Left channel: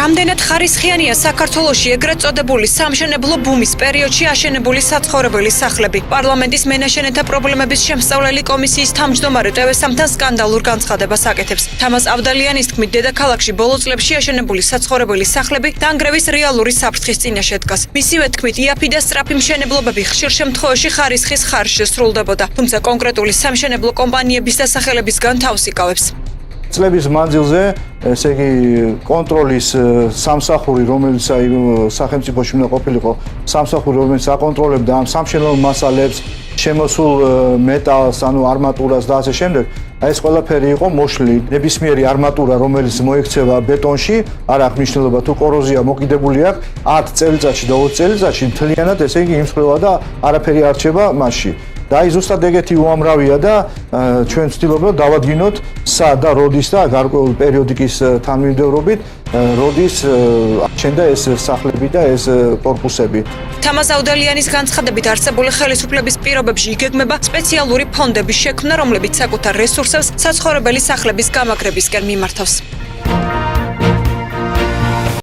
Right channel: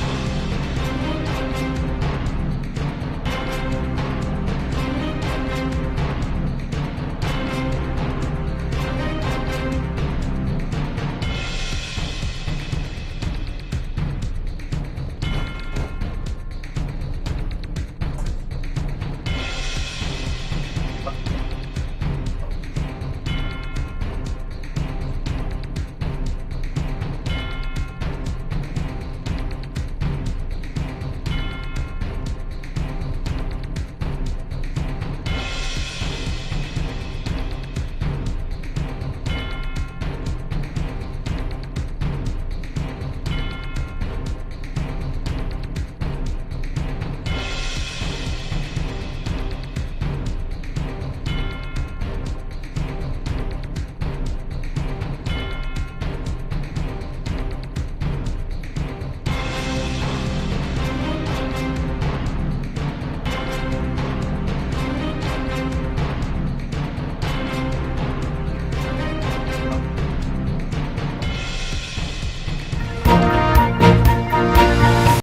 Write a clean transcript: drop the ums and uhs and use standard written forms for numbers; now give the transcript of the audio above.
რამდენად ხარისხიანია საქართველოში ეგრეთ წოდებული სამშენებლო ბუმის პერიოდში აშენებული საცხოვრებელი სახლები. პარლამენტის მენაშენეთა პრობლემების შემსწავლელი კომისიის თავმჯდომარე ტევესამთან სკანდალურ განცხადებას აკეთებს. თამაზ ავდალიანის თქმით, დედაქალაქში ბოლო წლებში აშენებული საცხოვრებელი სახლები დანგრევის რეალური საფრთხის წინაშე დგას. მისივე თქმით, იაფი და სწრაფი მშენებლობები ხშირ შემთხვევაში ხარისხის ხარჯზე სრულდებოდა, თუმცა კონკრეტული სამშენებლო კომპანიების დასახელებისგან თავს იკავებს. წლების მანძილზე, ესე იგი, კონტროლის სამსახური, რომელიც სახელმწიფოში უნდა ყოფილიყო, სამსახური, რომელიც აკონტროლებდა ამ სამშენებლო მასალებს, შემოსულ მეტალს, ანუ არმატურას და ასე შემდეგ, ეს ყველაფერი იყო მოშლილი. ნებისმიერი არმატურა, რომელიც მოექცევა ბეტონში, არ აქვს მნიშვნელობა თუ კოროზია მოკიდებული აქვს 10 წელიწადში და 20 წელიწადში მთლიანად, ესე იგი, იმსხვრევა და არაფერი არ რჩება მასში. და აი ზუსტად ეგეთი უამრავია და ჩვენ ვცდილობთ დავადგინოთ სა და როდის და გარკვეული პერიოდიკის თანმიმდევრობით როდის ჩენდა ეს სახლები და ეს კორპუსები. თამაზ ავდალიანის განცხადებით არსებული ხელისუფლების პირობებში იგეგმება სპეციალური ფონდების შექმნა, რომლებიც საკუთარ რესურსებს საცხოვრებელი სახლების გამაგრებისკენ მიმართავს.